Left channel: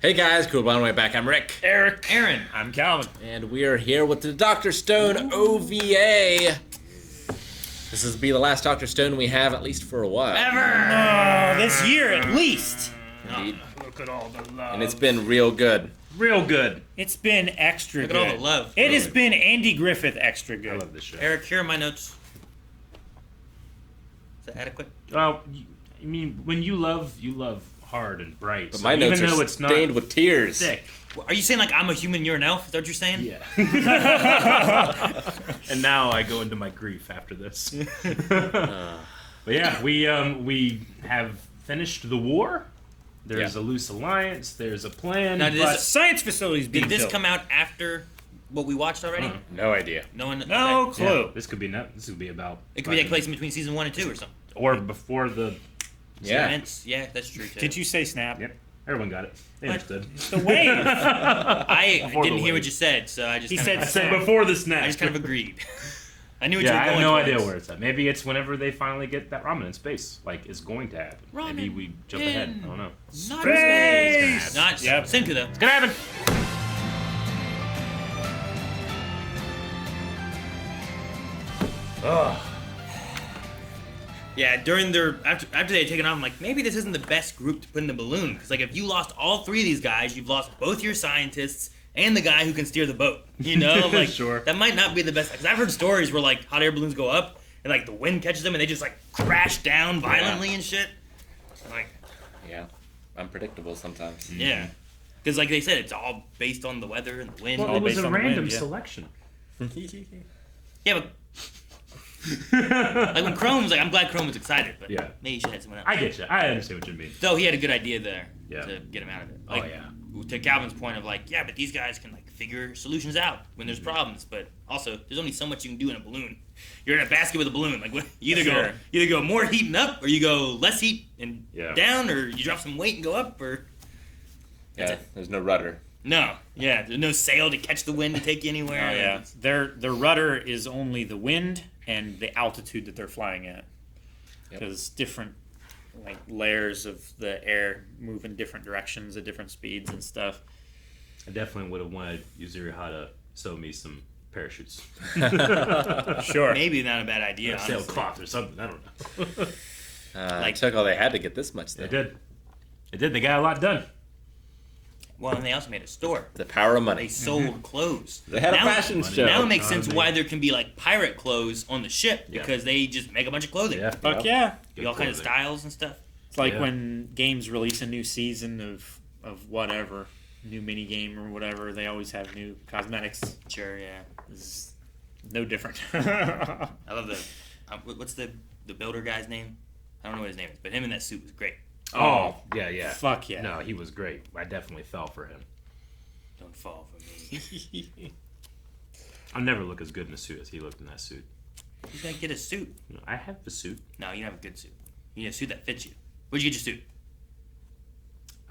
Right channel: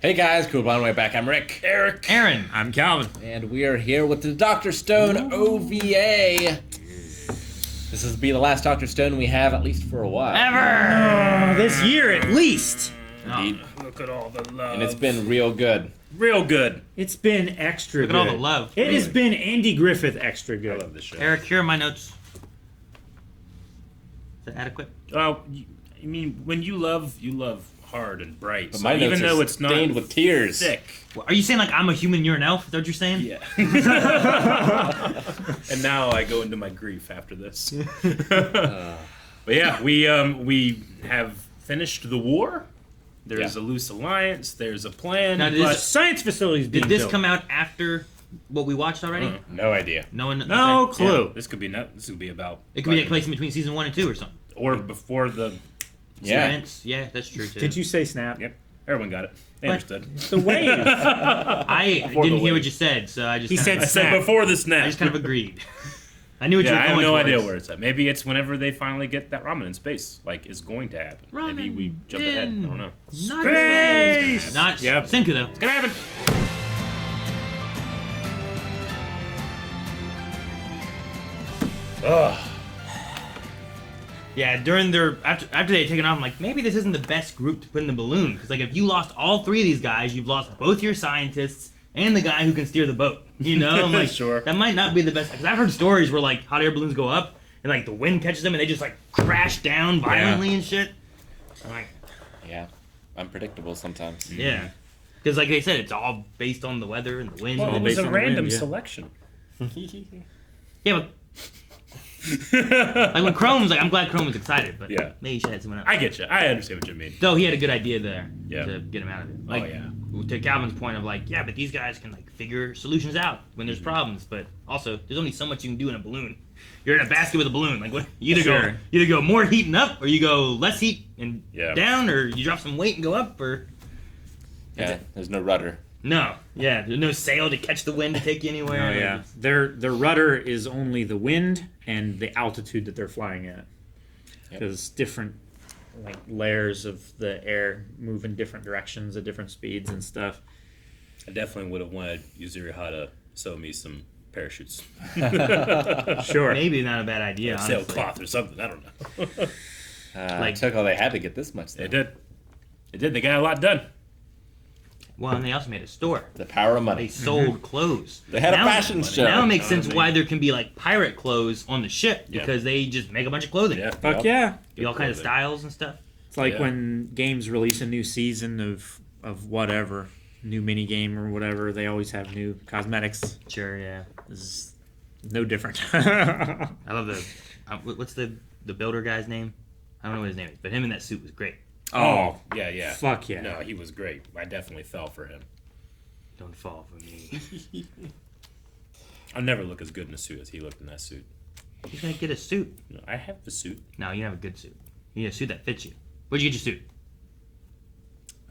Hey guys, cool by the way back. I'm Rick. Eric. Aaron. I'm Calvin. And we are here with the Dr. Stone OVA. This will be the last Dr. Stone we have, at least for a while. Ever! This year at least. Indeed. Look at all the love. And it's been real good. Real good. It's been extra Look good. at all the love. It has been Andy Griffith extra I good. love this show. Eric, here are my notes. Is that adequate? Well, I mean, when you love hard and bright. But So my even notes though are it's not stained with tears. thick. Are you saying like I'm a human, you're an elf? Is that what you're saying? Yeah. And now I go into my grief after this. But yeah, we have finished the war. There's a loose alliance. There's a plan. Now, The science facilities being Did this built. come out after what we watched already? No idea. No one. No okay. clue. This could be about. It could be a place in between season 1 and 2 or something. or before the. Yeah. Events. Yeah, that's true too. Did you say snap? Yep. Everyone got it. They What? understood. The wave. I Before didn't the hear wave. what you said, so I just. He kinda, said I said snap. before the snap. I just kind of agreed. I knew what you Yeah, were I have going no towards. idea where it's at. Maybe it's whenever they finally get that ramen in space. Like, is going to happen. Maybe Ramen we jump ahead. I in don't know. Not Space! Not Yep. Senku though. It's gonna happen. Ugh. Yeah, during their after they had taken off, I'm like, maybe this isn't the best group to put in the balloon because like if you lost all 3 of these guys, you've lost both your scientists and the guy who can steer the boat. You know, I'm like, Sure. that might not be the best because I've heard stories where like hot air balloons go up and like the wind catches them and they just like crash down violently and shit. I'm like, Yeah. Unpredictable sometimes. yeah, because like they said, it's all based on the weather and the wind. Well, all it was based a on the random wind, yeah. selection. Yeah, but like when Chrome's like, I'm glad Chrome was excited, but Yeah. maybe he should have someone else. I get you. I understand what you mean. Though he had a good idea there Yeah. to get him out of it. Like, Oh, yeah. To Calvin's point of like, yeah, but these guys can like figure solutions out when there's problems. But also, there's only so much you can do in a balloon. You're in a basket with a balloon. Like, what, you Sure. either go more heat and up, or you go less heat and Yeah. down, or you drop some weight and go up, or Yeah. There's no rudder. no, yeah, there's no sail to catch the wind to take you anywhere. Oh yeah. Their rudder is only the wind and the altitude that they're flying at. Because different like layers of the air move in different directions at different speeds and stuff. I definitely would have wanted Yuzuriha to sew me some parachutes. Sure. Maybe not a bad idea. Sail Honestly. cloth or something. I don't know. Like, took all they had to get this much. They Though. did. They did. They got a lot done. Well, and they also made a store. The power of They money. sold clothes. They had a fashion show. Now it makes sense man. why there can be like pirate clothes on the ship Yeah. because they just make a bunch of clothing. Yeah. Fuck yeah. Do all kinds of styles and stuff. It's like Yeah. when games release a new season of whatever, new mini game or whatever, they always have new cosmetics. Sure, yeah. This is no different. I love the what's the builder guy's name? I don't know what his name is, but him in that suit was great. Oh, yeah, yeah. Fuck yeah. No, he was great. I definitely fell for him. Don't fall for me. I'll never look as good in a suit as he looked in that suit. You're gonna get a suit. No, I have the suit. No, you have a good suit. You need a suit that fits you. Where'd you get your suit?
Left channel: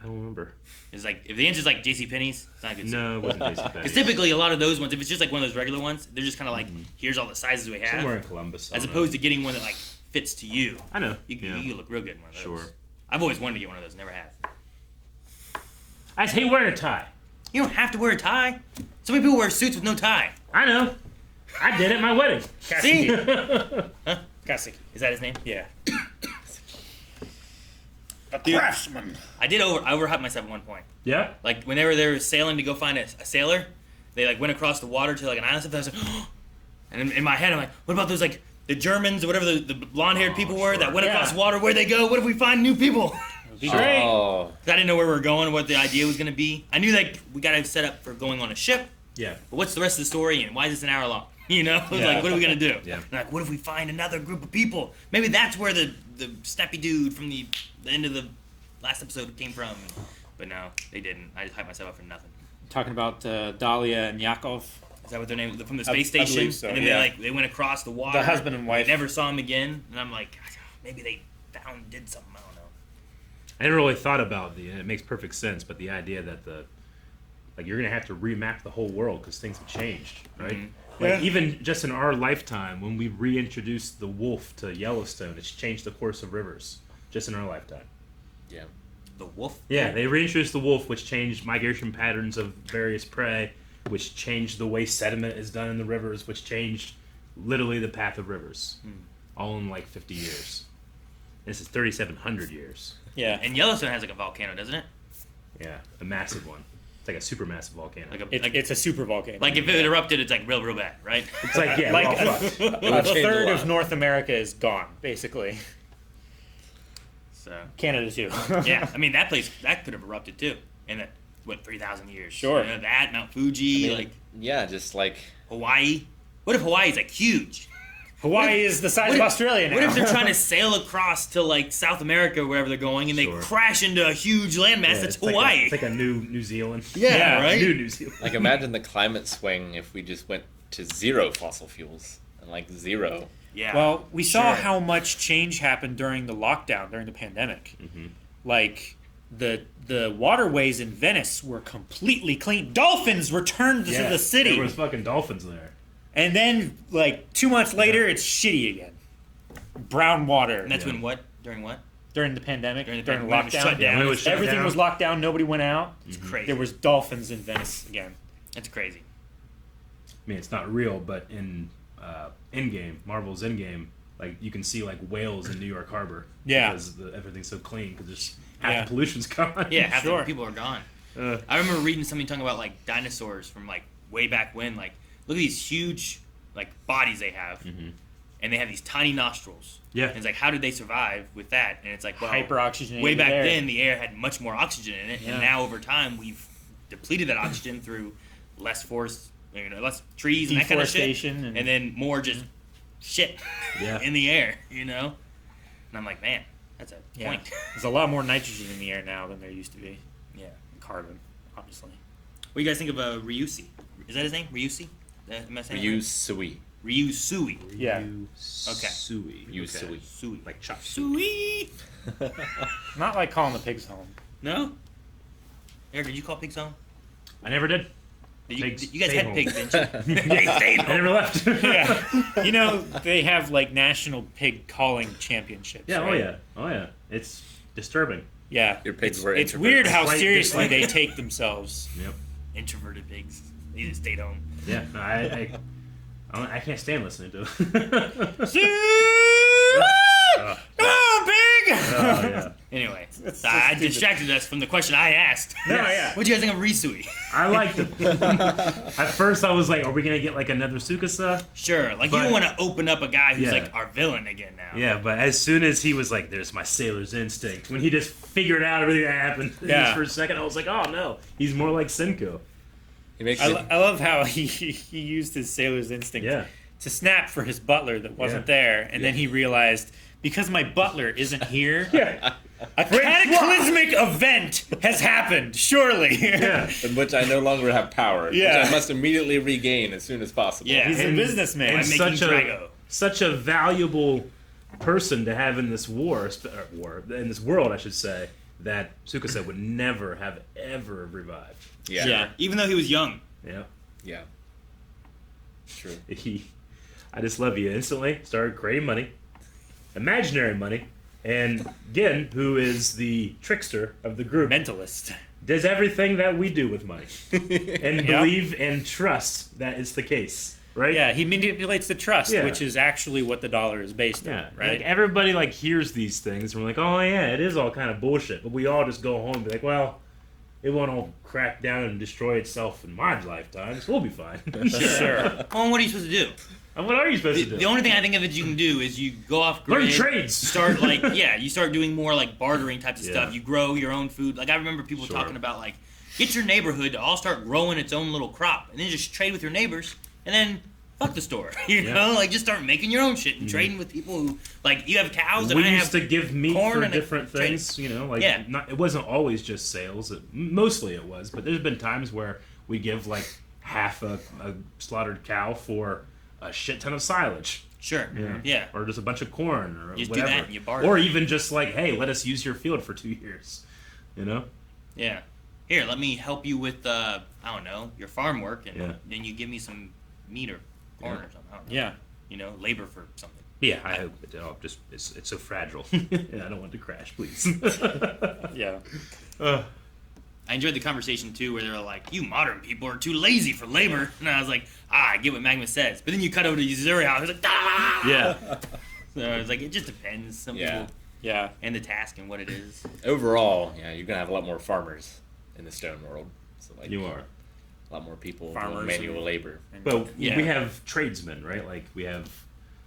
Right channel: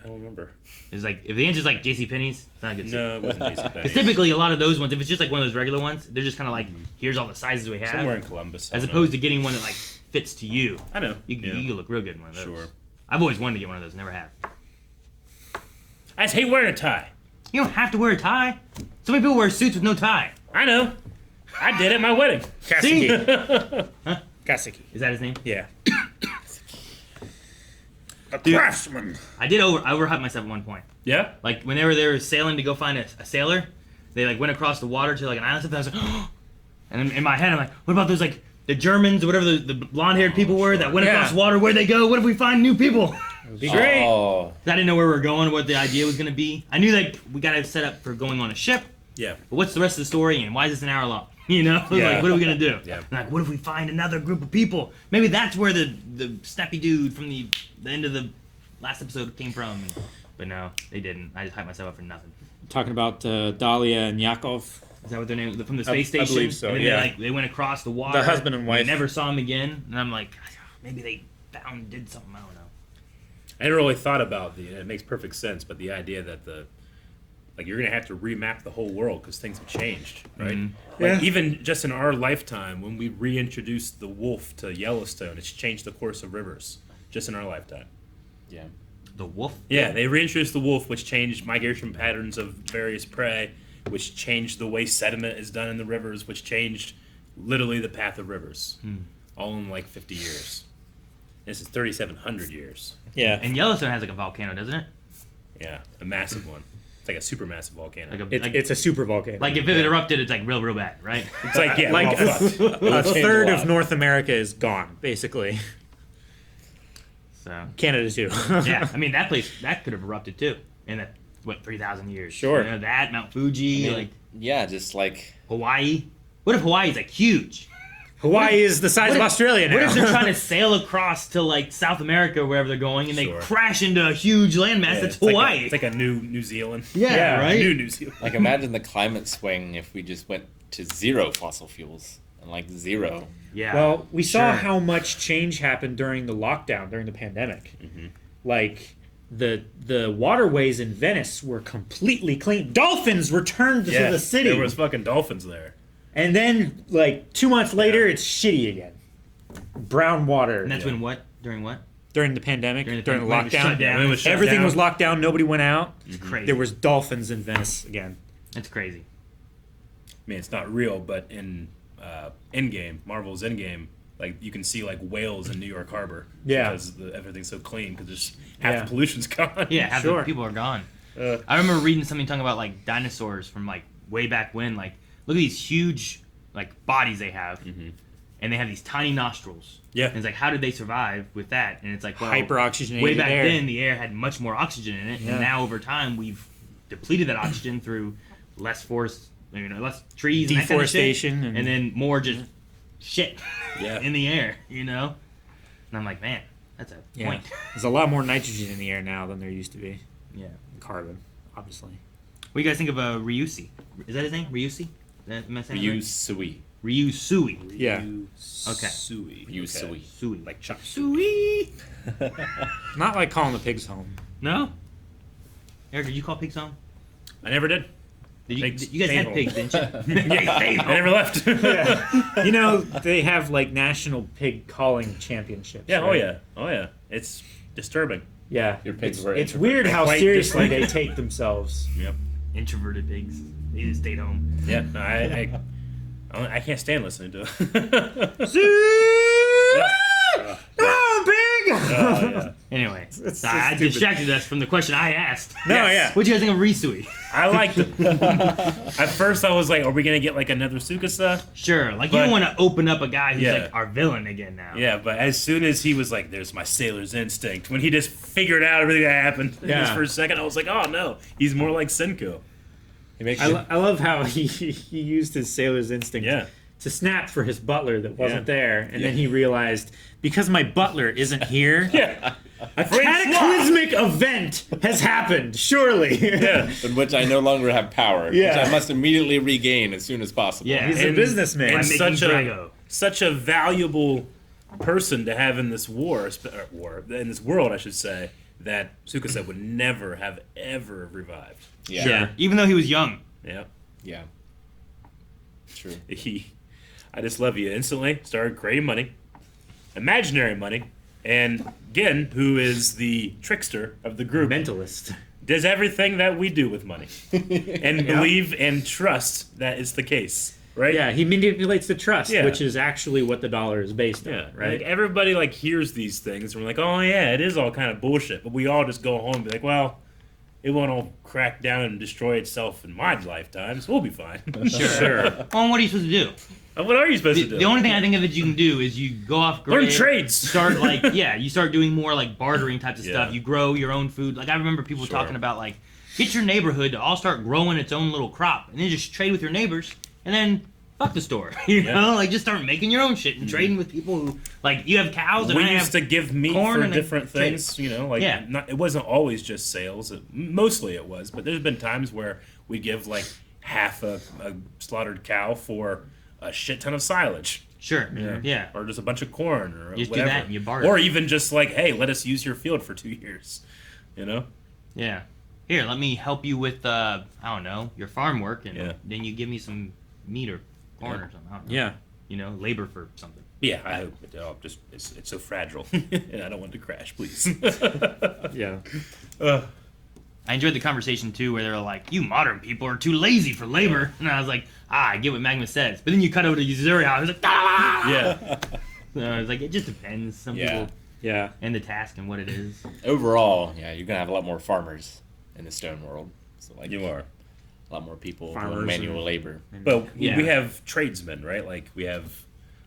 I don't remember. It's like if the answer's like JCPenney's, it's not a good suit. No, it wasn't Jason Because typically a lot of those ones, if it's just like one of those regular ones, they're just kind of like, here's all the sizes we have, Somewhere in Columbus. as opposed to getting one that like fits to you. I know. You look real good in one of those. Sure. I've always wanted to get one of those, never have. I just hate wearing a tie. You don't have to wear a tie. So many people wear suits with no tie. I know. I did at my wedding. See? Kaseki. Is that his name? Yeah. A craftsman. I overhyped myself at one point. Yeah? Like whenever they were sailing to go find a sailor, they like went across the water to like an island. Something. I was like, and in my head I'm like, what about those like the Germans or whatever the blonde-haired people were that went across water? Where'd they go? What if we find new people? It'd be great. Oh. I didn't know where we were going, what the idea was gonna be. I knew like we got to set up for going on a ship. Yeah. But what's the rest of the story and why is this an hour long? You know, Yeah. like what are we gonna do? Yeah. And, like what if we find another group of people? Maybe that's where the snappy dude from the end of the last episode came from. But no, they didn't. I just hyped myself up for nothing. Talking about Dahlia and Yakov. Is that what their name from the space I station? believe so, And then yeah. they went across the water. The husband and wife. We never saw him again. And I'm like, maybe they did something. I don't know. I never really thought about it makes perfect sense, but the idea that you're gonna have to remap the whole world because things have changed, right? Mm-hmm. Like even just in our lifetime, when we reintroduced the wolf to Yellowstone, it's changed the course of rivers just in our lifetime. Yeah. The wolf? Yeah, they reintroduced the wolf, which changed migration patterns of various prey, which changed the way sediment is done in the rivers, which changed literally the path of rivers. All in like 50 years. This is 3,700 years. Yeah. And Yellowstone has like a volcano, doesn't it? Yeah, a massive one. It's like a supermassive volcano. It's a super volcano. Like if it erupted, it's like real bad, right? It's like, yeah, Like we're all fucked. a third a of lot. North America is gone, basically. So Canada too. yeah, I mean that place that could have erupted too in that 3,000 years. Sure. You know, that Mount Fuji, like Yeah, just like Hawaii. What if Hawaii's like huge? Hawaii is the size of Australia now. What if they're trying to sail across to like South America, or wherever they're going, and they Sure. crash into a huge landmass Yeah, that's it's like Hawaii? it's like a New Zealand. Yeah, right. New Zealand. like imagine the climate swing if we just went to zero fossil fuels and like zero. Yeah. Well, we saw Sure. how much change happened during the lockdown, during the pandemic. Like the waterways in Venice were completely clean. Dolphins returned to the city, There was fucking dolphins there. and then like 2 months later, it's shitty again. Brown water. And that's when what? During what? During the pandemic, during the when it was lockdown, shut down. When it was shut everything down. was locked down. Nobody went out. It's crazy. There was dolphins in Venice again. That's crazy. I mean, it's not real, but in Endgame, Marvel's Endgame, like you can see like whales in New York Harbor. Yeah. Because everything's so clean because there's half Yeah. the pollution's gone. Yeah, half Sure. the people are gone. Uh, I remember reading something talking about like dinosaurs from like way back when. Like, look at these huge like bodies they have, and they have these tiny nostrils. Yeah. And it's like, how did they survive with that? And it's like, well, Hyperoxygenated way back air. then, the air had much more oxygen in it, Yeah. and now over time we've depleted that oxygen through less forest, less trees, and that kind of shit, Deforestation and then more just shit Yeah. in the air, And I'm like, man, that's a Yeah. point. There's a lot more nitrogen in the air now than there used to be. Yeah. Carbon, obviously. What do you guys think of Ryusui? Is that his name? Ryusui? Am I saying it right? Ryusui. Ryusui. Yeah. Okay. Sui. Ryusui. Sui. Like Chuck. Sui. Not like calling the pigs home. No? Eric, did you call pigs home? I never did. You guys stay had home. pigs, didn't you? I never left. You know, they have like national pig calling championships. Yeah, right? oh yeah. It's disturbing. Yeah. Your pigs were It's introverted. weird how Quite seriously different. they take themselves. Yep. Introverted pigs. They just stayed home. Yeah. I can't stand listening to it. Come on, pig! Yeah. Anyway, It's so I stupid. distracted us from the question I asked. No, yeah. What'd you guys think of Ryusui? I liked it. At first, I was like, "Are we gonna get like another Tsukasa?" Sure, like you But- don't want to open up a guy who's Yeah. like our villain again now. Yeah, but as soon as he was like, "There's my sailor's instinct," when he just figured out everything that happened Yeah. just for a second, I was like, "Oh no, he's more like Senku." He makes I, you, I love how he used his sailor's instinct Yeah. to snap for his butler that wasn't Yeah. there, and then he realized, because my butler isn't here, Yeah. a cataclysmic event has happened, surely. Yeah. in which I no longer have power, Yeah. which I must immediately regain as soon as possible. Yeah. He's a And- businessman. And He's making such a Drago. such a valuable person to have in this in this world, I should say, that Tsukasa would never have ever revived. Yeah. Sure. Even though he was young. Yeah. Yeah. True. I just love you. Instantly started creating money, imaginary money, and Gen, who is the trickster of the group, Mentalist. does everything that we do with money, and Yeah. believe and trust that it's the case, right? Yeah, he manipulates the trust, Yeah. which is actually what the dollar is based Yeah, on, right? Like everybody like hears these things and we're like, oh yeah, it is all kind of bullshit. But we all just go home and be like, well, it won't all crack down and destroy itself in my lifetime, so we'll be fine. Sure. Well, what are you supposed to do? What are you supposed to do? The only thing I think of that you can do is you go off grid. Learn trades. Start you start doing more like bartering types of Yeah. stuff. You grow your own food. Like I remember people Sure. talking about like get your neighborhood to all start growing its own little crop and then just trade with your neighbors and then fuck the store. You Yeah. know, like just start making your own shit and trading with people who like you have cows and We I used have to give meat corn for and different trade. things, you know, like Yeah. it wasn't always just sales. Mostly it was, but there's been times where we give like half a slaughtered cow for a shit ton of silage. Sure. Yeah. Or just a bunch of corn or You just do whatever. that and you barter. Or even just like, hey, let us use your field for 2 years. You know? Yeah. Here, let me help you with I don't know, your farm work and Yeah. then you give me some meat or corn or something. I don't know. Yeah. You know, labor for something. Yeah, I hope it's so fragile, and I don't want it to crash, please. Yeah. I enjoyed the conversation too, where they were like, "You modern people are too lazy for labor," and I was like, I get what Magma says, but then you cut over to Yuzuri, I was like, ah! Yeah. So I was like, it just depends. Some people Yeah. and the task and what it is. Overall, yeah, you're gonna have a lot more farmers in the stone world. So like You are. a lot more people Farmers doing manual labor. But Yeah. we have tradesmen, right? Like, we have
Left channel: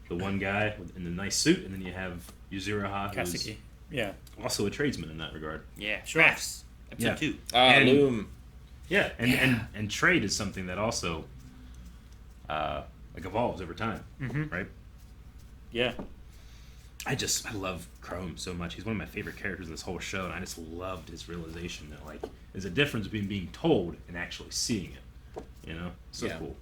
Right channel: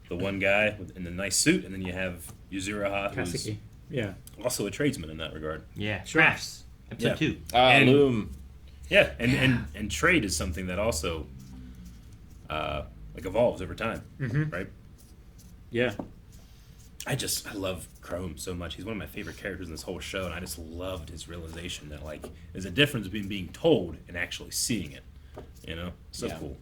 the one guy in the nice suit, and then you have Yuzuraha, who's Kaseki. Yeah. also a tradesman in that regard. Yeah, crafts. Episode 2. And- Loom. Yeah, and trade is something that also like evolves over time, Mhm. right? Yeah. I love Chrome so much. He's one of my favorite characters in this whole show, and I just loved his realization that like there's a difference between being told and actually seeing it. You know, so Yeah. cool.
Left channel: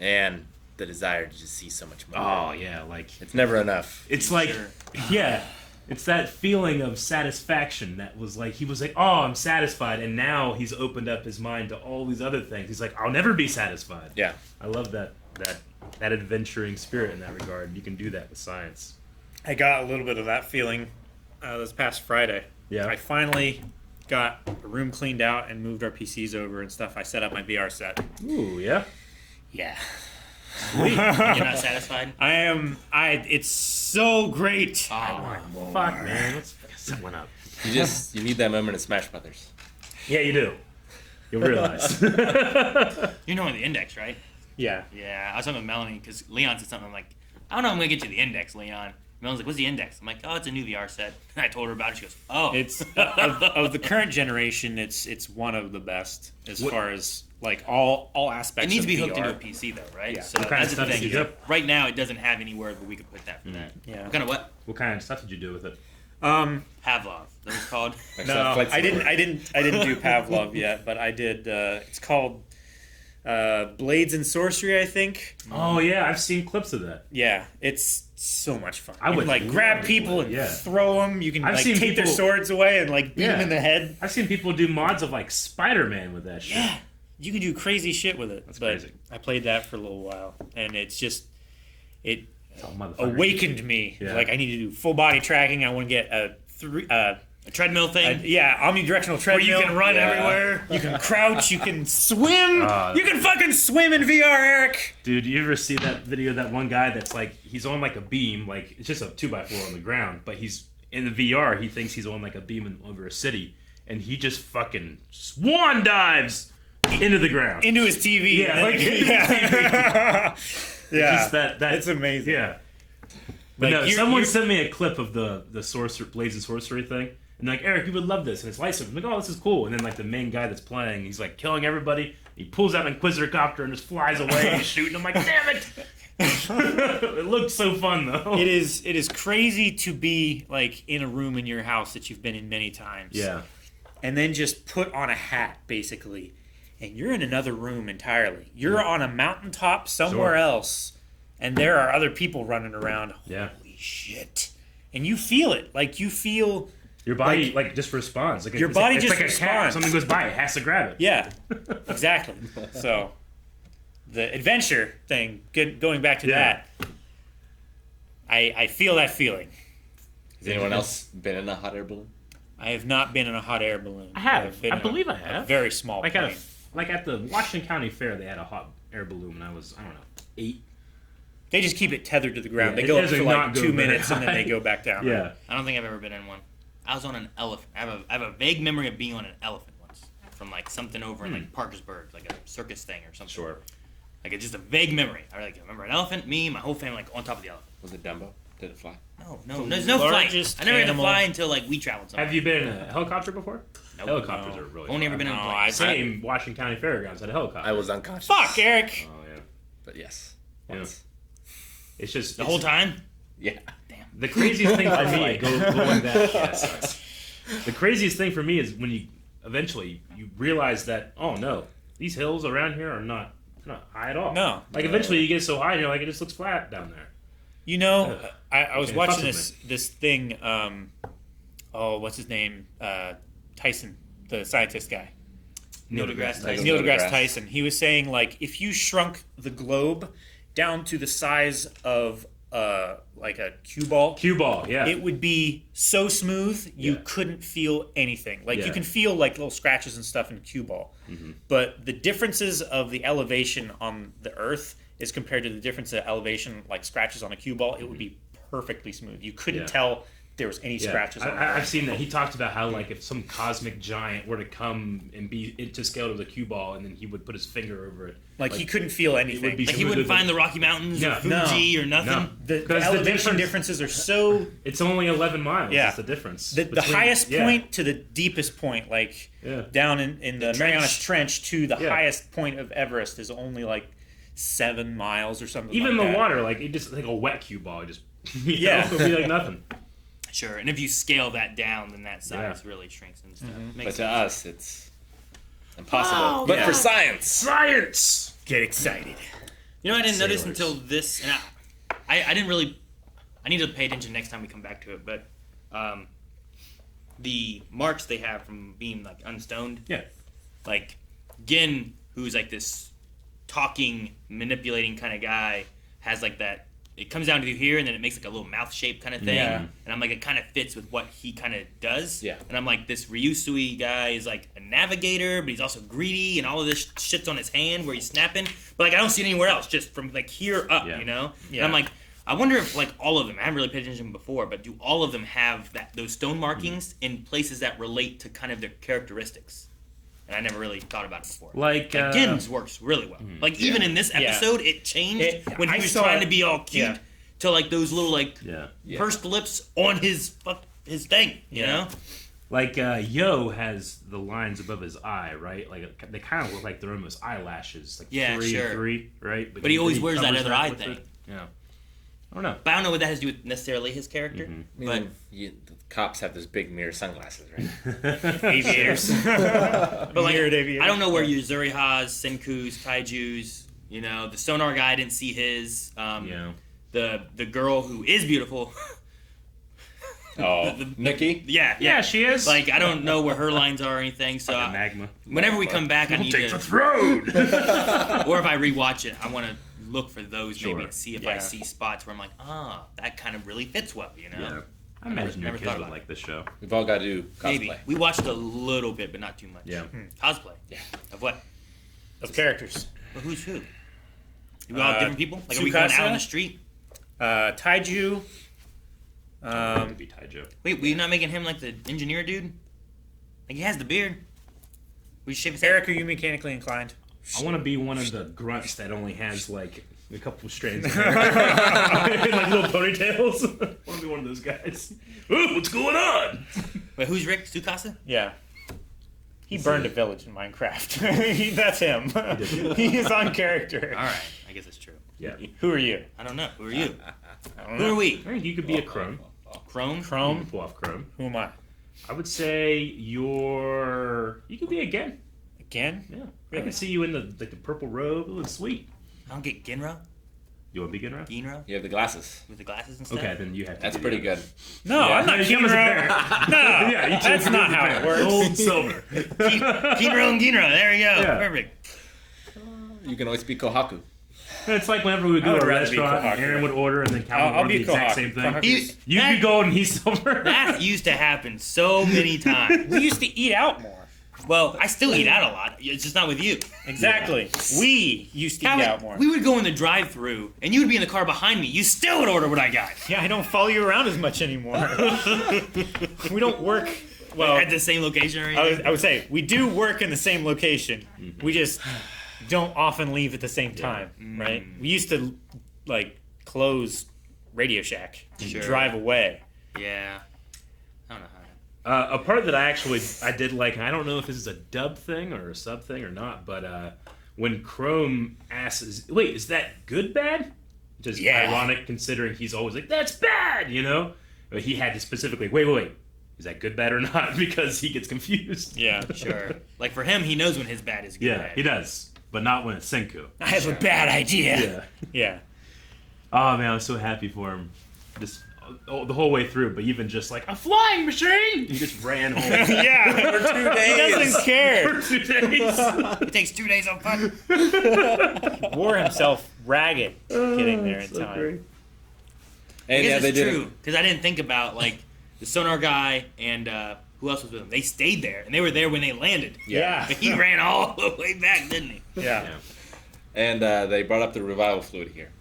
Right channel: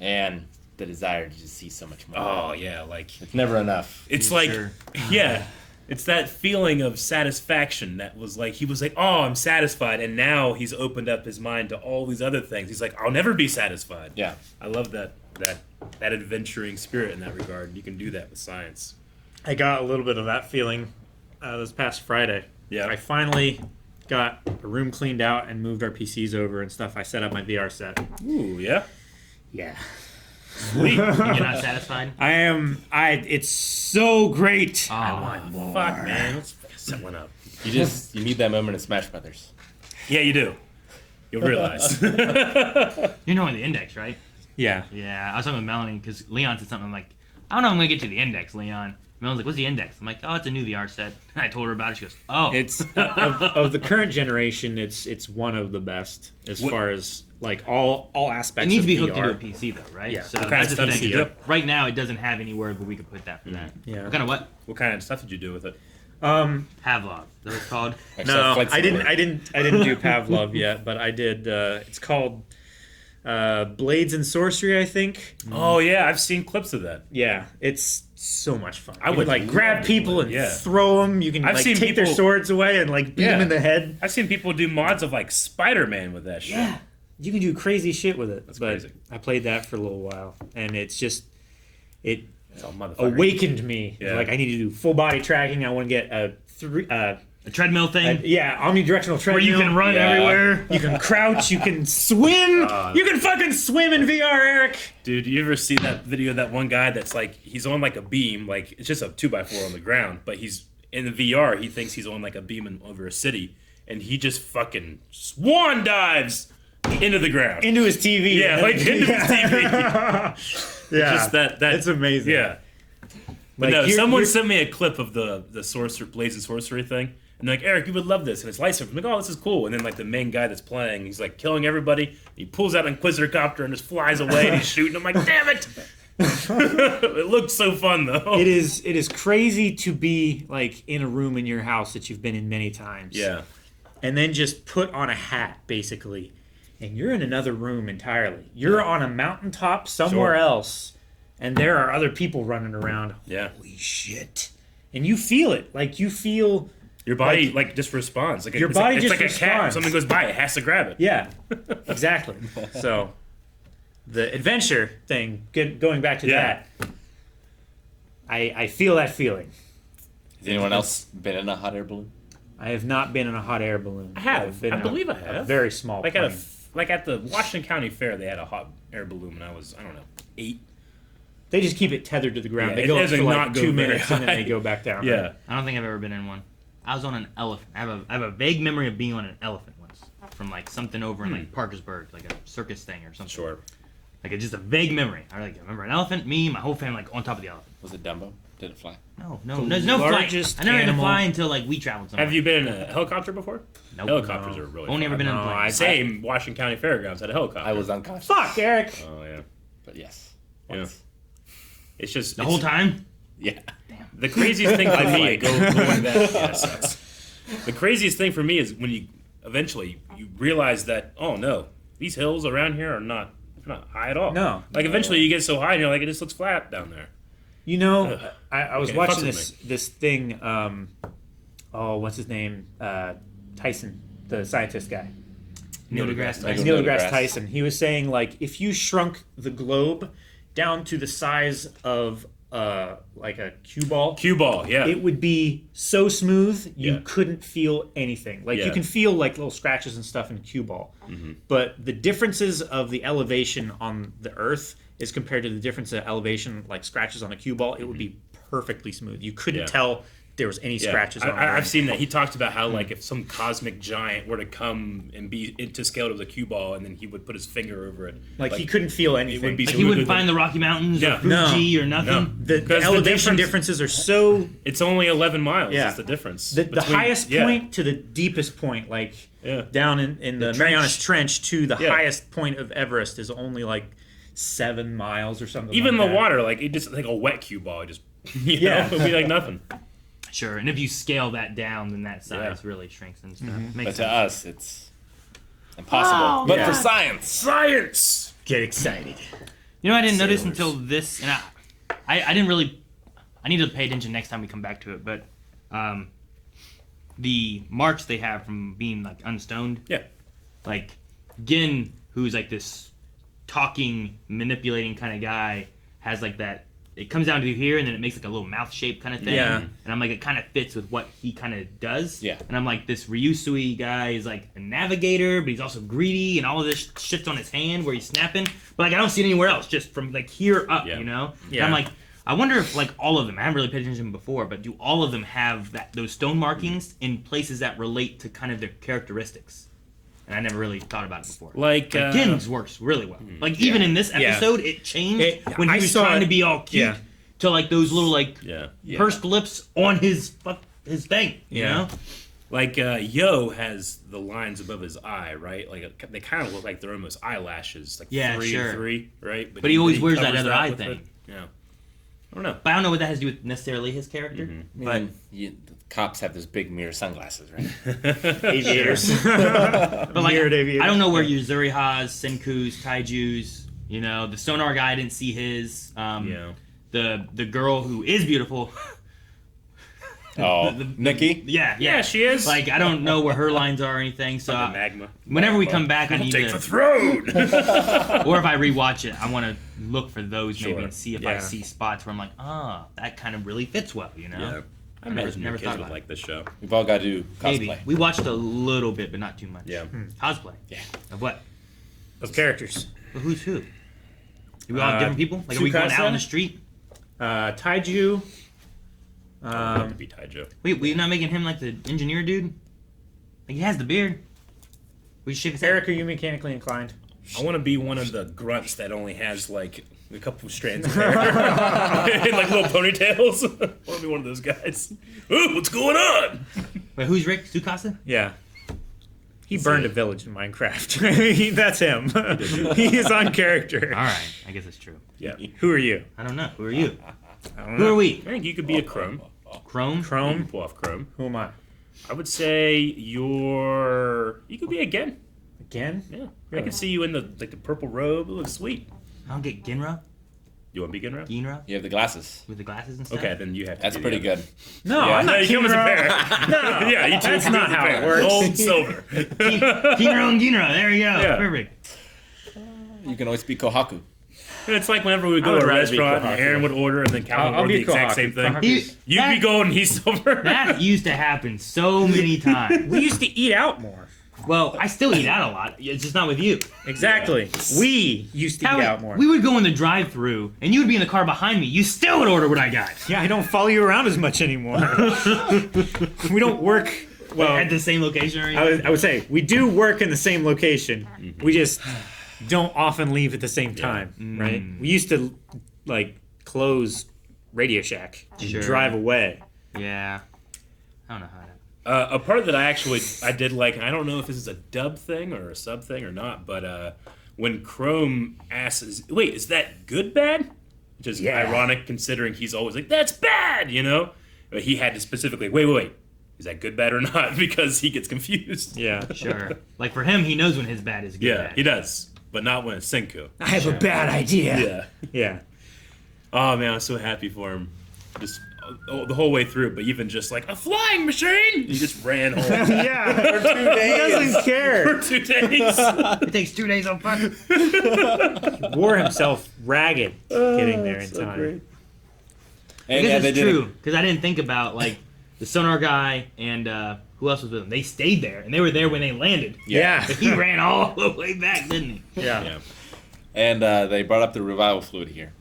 And the desire to just see so much more. Oh yeah, like It's never enough. it's like Sure. yeah, it's that feeling of satisfaction that was like he was like, oh, I'm satisfied, and now he's opened up his mind to all these other things. He's like, I'll never be satisfied. Yeah. I love that adventuring spirit in that regard. You can do that with science. I got a little bit of that feeling this past Friday. Yeah. I finally got a room cleaned out and moved our PCs over and stuff. I set up my VR set. Ooh, yeah. Yeah. Sweet. You're not satisfied? It's so great. I Oh, want more. Fuck, man. Let's set one up. You need that moment in Smash Brothers. Yeah, you do. You'll realize. You know the index, right? Yeah. Yeah, I was talking with Melanie because Leon said something. I'm like, I don't know, I'm going to get you the index, Leon. Melon's like, what's the index? I'm like, oh, it's a new VR set. And I told her about it. She goes, oh. It's of the current generation, it's one of the best as far as like all aspects. It needs to be of hooked VR. into a PC though, right? Yeah. So What kind that's of the stuff thing. does it do? Right now, it doesn't have anywhere, but we could put that for that. Yeah. What kind of what? What kind of stuff did you do with it? Pavlov. That was called. No, I didn't do Pavlov yet, but I did. It's called Blades and Sorcery, I think. Oh yeah, I've seen clips of that. Yeah, it's so much fun. I You would can, like love grab to people play, and yeah. throw them. You can I've like seen take their people- swords away and like beat them Yeah. in the head. I've seen people do mods of like Spider-Man with that shit. Yeah, you can do crazy shit with it. That's but crazy. I played that for a little while, and it Oh, motherfucker. awakened me. Yeah. Like I need to do full body tracking. I want to get a treadmill thing omnidirectional where treadmill. you can run Yeah. everywhere. You can crouch. You can swim. You can fucking swim in VR, Eric. Dude, you ever see that video of that one guy that's like, he's on like a beam, like it's just a 2x4 on the ground, but he's in the VR, he thinks he's on like a beam over a city, and he just fucking swan dives into the ground. Into his TV. Yeah, like into his TV. Yeah, Just that it's amazing. Yeah. But Like, no, you're- someone you're- sent me a clip of the Blades and Sorcery thing. And they're like, Eric, you would love this. And it's lightsaber. I'm like, oh, this is cool. And then like the main guy that's playing, he's like killing everybody. He pulls out an Inquisitor copter and just flies away and he's shooting. I'm like, damn it. It looks so fun though. It is crazy to be like in a room in your house that you've been in many times. Yeah. And then just put on a hat, basically, and you're in another room entirely. You're on a mountaintop somewhere Sure. else, and there are other people running around. Yeah. Holy shit! And you feel it, like you feel. Your body like just responds. Like Your it's body like, just it's like a cat. responds. Something goes by, it has to grab it. Yeah, exactly. So, the adventure thing. Going back to Yeah. that, I feel that feeling. Has anyone else been in a hot air balloon? I have not been in a hot air balloon. I have. I've been I in believe a, I have. A very small Like plane. at the Washington County Fair, they had a hot air balloon when I was, I don't know, 8. They just keep it tethered to the ground. Yeah, They it go up doesn't for not like go 2 very minutes and then they high. go back down. Yeah. I don't think I've ever been in one. I was on an elephant. I have a vague memory of being on an elephant once, from like something over in like Parkersburg, like a circus thing or something. Sure. Like it's just a vague memory. I remember an elephant, me, my whole family, like on top of the elephant. Was it Dumbo? Did it fly? No, there's no flight. largest I never had to animal- fly until like we traveled somewhere. Have you been in a helicopter before? Nope. Helicopters are really Only ever fun. been in a No, plane. Same Washington County Fairgrounds had a helicopter. I was unconscious. Fuck, Eric! Oh yeah. But yes. Yeah. Once. It's just The whole time. Yeah. the craziest thing for me. Like, going back, yeah, it sucks. The craziest thing for me is when you eventually you realize that no, these hills around here are not high at all. No. Like eventually you get so high and you're like it just looks flat down there. You know, I was okay, watching fuck with this thing. What's his name? Tyson, the scientist guy. Neil deGrasse Tyson. Neil Neil deGrasse deGrasse. Tyson. He was saying like if you shrunk the globe down to the size of like a cue ball. Cue ball, yeah. It would be so smooth you Yeah. couldn't feel anything. Like you Yeah. can feel like little scratches and stuff in cue ball, but the differences of the elevation on the Earth is compared to the difference of elevation, like scratches on a cue ball. It would be perfectly smooth. You couldn't Yeah. tell there was any scratches on it. I've seen that. He talked about how, like, if some cosmic giant were to come and be into scale to the cue ball, and then he would put his finger over it. Like he couldn't feel anything. It would be Like he wouldn't find the Rocky Mountains Yeah. or Fuji or nothing. No. the Because the elevation difference- differences are so. It's only 11 miles. Yeah. Is the difference. The between- highest yeah. point to the deepest point, like Yeah. down in the Marianas Trench to the Yeah. highest point of Everest, is only like 7 miles or something. Even like the that. water, like it just like a wet cue ball, it just Yeah. it would be like nothing. Sure, and if you scale that down, then that size Yeah. really shrinks and stuff. But Makes to sense. us, it's impossible. But yeah. for science, Science. Get excited. You know, I didn't notice Sailors. until this, and I didn't really. I need to pay attention next time we come back to it. But the marks they have from being like unstoned, Yeah. like Gin, who's like this talking, manipulating kind of guy, has like that. It comes down to here, and then it makes like a little mouth shape kind of thing. Yeah. And I'm like, it kind of fits with what he kind of does. Yeah. And I'm like, this Ryusui guy is like a navigator, but he's also greedy, and all of this shit's on his hand where he's snapping. But like, I don't see it anywhere else, just from like here up, Yeah. you know? Yeah. And I'm like, I wonder if like all of them, I haven't really paid attention before, but do all of them have those stone markings in places that relate to kind of their characteristics? And I never really thought about it before. Like Gin's works really well. Like even in this Yeah. episode, it changed when he I was saw trying it- to be all cute yeah. to like those little like yeah. pursed lips on his thing. You Yeah. know? Like Yo has the lines above his eye, right? Like they kind of look like they're almost eyelashes, like Yeah, 3 sure. and 3, right? But he always wears that covers other eye with thing. it. Yeah. I don't know. But I don't know what that has to do with necessarily his character. but the cops have those big mirror sunglasses, right? Aviators. But like, Mirrored aviators. I don't know where Yuzuri has, Senku's, Taiju's. You know, the sonar guy I didn't see his. Yeah. The girl who is beautiful. Oh, Nikki? Yeah, Yeah, she is. Like I don't know where her lines are or anything. So Fucking magma. whenever we come back, I need Take to. the throne. Or if I rewatch it, I want to look for those maybe Sure. and see if I Yeah. see spots where I'm like, that kind of really fits well. You know? Yeah. I never imagine your thought kids would about like this show. We've all got to do cosplay. Maybe we watched a little bit, but not too much. Yeah. Cosplay. Yeah. Of what? Of characters. But who's who? Do we all have different people? Like, are we going out on the street? Taiju. To be Taijo. Wait, we're not making him like the engineer dude? Like, he has the beard. We should shave his hair. Eric, are you mechanically inclined? I want to be one of the grunts that only has like a couple of strands of hair. Like little ponytails. I want to be one of those guys. Ooh, what's going on? Wait, who's Rick? Tsukasa? Yeah. He burned a village in Minecraft. That's him. He is on character. All right, I guess that's true. Yeah. Who are you? I don't know. Who are you? I don't Who are know. we? I think you could be a Chrome. Chrome? You Chrome. can pull off Chrome. Who am I? I would say you could be again. Again? Yeah. I can see you in the purple robe. It looks sweet. I don't get Ginra? You want to be Ginra? Ginra? You have the glasses. With the glasses and stuff? Okay, then you have to. That's do pretty that. good. No, Yeah, I'm not you as a Kingdom. pair. No, Yeah, you two that's can do not the how pair. it works. Gold, silver. Ginra and Ginra. There you go. Yeah. Perfect. You can always be Kohaku. It's like whenever we I go would to a rather be restaurant, Kohaku. Aaron would order, and then Calvin I'll would order be the exact Kohaku. same thing. Kohaku. You'd be gold and he's silver. That used to happen so many times. We used to eat out more. Well, I still eat out a lot. It's just not with you. Exactly. We used to eat Calvin, out more. we would go in the drive-thru, and you would be in the car behind me. You still would order what I got. Yeah, I don't follow you around as much anymore. We don't work. Well, At the same location or anything. I would say we do work in the same location. We just don't often leave at the same time, right? We used to like close Radio Shack and Sure. drive away. Yeah. I don't know how to... A part that I did like, and I don't know if this is a dub thing or a sub thing or not, but when Chrome asks, wait, is that good bad? Which is Yeah. ironic considering he's always like, that's bad, you know? But he had to specifically, wait, is that good bad or not? Because he gets confused. Yeah. Sure. Like, for him, he knows when his bad is good. Yeah, bad. he does, but not when it's Senku. I have a bad idea. Yeah. Yeah. Oh man, I'm so happy for him. Just the whole way through, but even just like a flying machine, he just ran home Yeah. He doesn't care. for 2 days. It takes 2 days on fun. Wore himself ragged getting there in So time. great. And guess yeah, they that's did true it. because I didn't think about like the sonar guy and who else was with him. They stayed there and they were there when they landed. Yeah. But he ran all the way back, didn't he? Yeah. And they brought up the revival fluid here.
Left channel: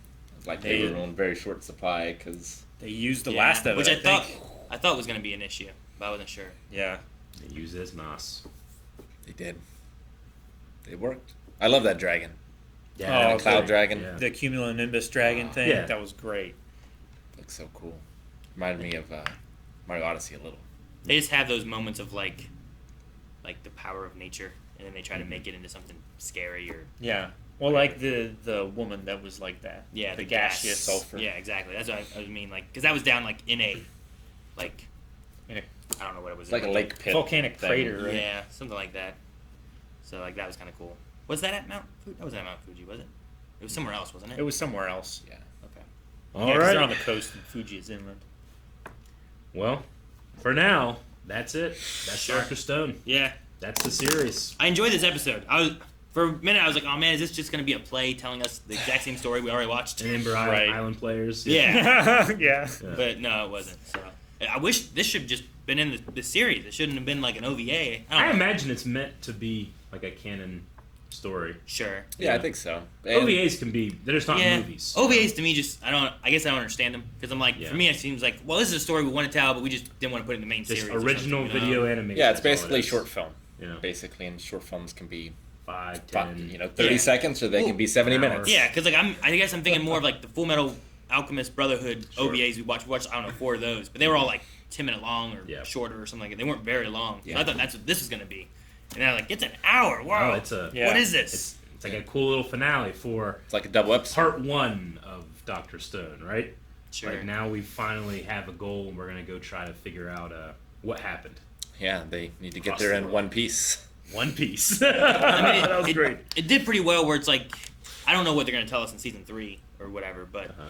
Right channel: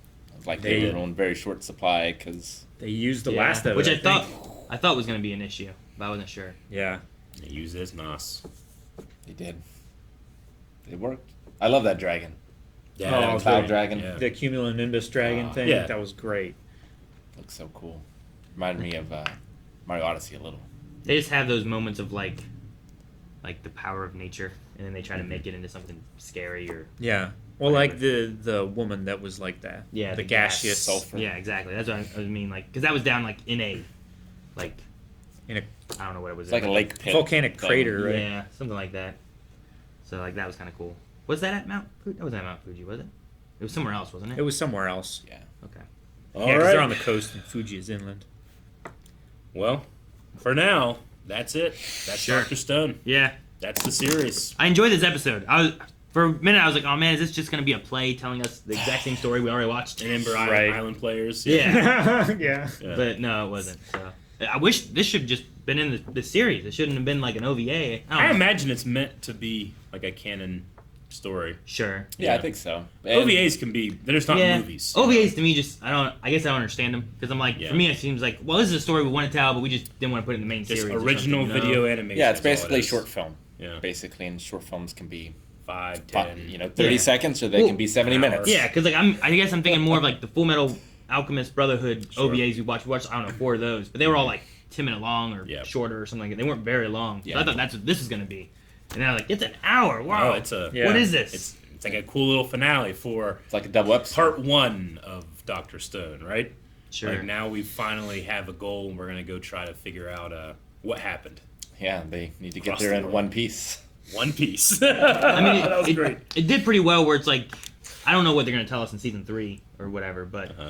Like they were on very short supply because They used the Yeah, last of it. which I thought think. was going to be an issue, but I wasn't sure. Yeah. They use it as NOS. they did. They worked. I love that dragon. Yeah, Oh, that was Cloud great. dragon. Yeah. The cumulonimbus dragon thing. Yeah. That was great. Looks so cool. Reminded me of Mario Odyssey a little. They just have those moments of like the power of nature, and then they try to make it into something scary or Yeah. Well, like the woman that was like that. yeah, The gas. gaseous sulfur. Yeah, exactly. That's what I mean. Like, because that was down like in a like in a I don't know what it was. It's like a lake pit. volcanic thing. crater, right? Yeah, something like that. So like that was kind of cool. Was that at Mount Fuji? That wasn't at Mount Fuji, was it? It was somewhere else, wasn't it? It was somewhere else. Yeah. Okay. All Yeah, 'cause right. they're on the coast and Fuji is inland. Well, for now, that's it. That's Sure. Dr. Stone. Yeah, That's the series. I enjoyed this episode. For a minute I was like, oh man, is this just gonna be a play telling us the exact same story we already watched? And Ember Right. Island players. Yeah. Yeah. Yeah. But no, it wasn't. So I wish this should have just been in the series. It shouldn't have been like an OVA. I I don't know. imagine it's meant to be like a canon story. Sure. Yeah, I Yeah. think so. And OVAs can be, they're just not Yeah. movies. OVAs to me just I guess I don't understand them because I'm like Yeah. for me it seems like well this is a story we want to tell but we just didn't want to put it in the main Just series. or original something, you know? video animation. Yeah, it's is all it basically is. short film. Yeah. Basically, and short films can be 5, 10. 30 Yeah. seconds, or they Well, can be 70 an hour. minutes. Yeah, because like I guess I'm thinking more of like the Full Metal Alchemist Brotherhood Sure. OVAs we watched. I don't know 4 of those, but they were all like 10-minute long or Yeah. shorter or something like that. They weren't very long. So Yeah. I thought that's what this was gonna be, and they're like it's an hour. Wow, Oh, it's a Yeah. what is this? it's like a cool little finale for It's like a double episode. part 1 of Dr. Stone, right? Sure. Like now we finally have a goal and we're gonna go try to figure out what happened. Yeah, they need to get Cross there the in line. one piece. One Piece. I mean, that was great. It did pretty well. Where it's like, I don't know what they're gonna tell us in season 3 or whatever, but Uh-huh.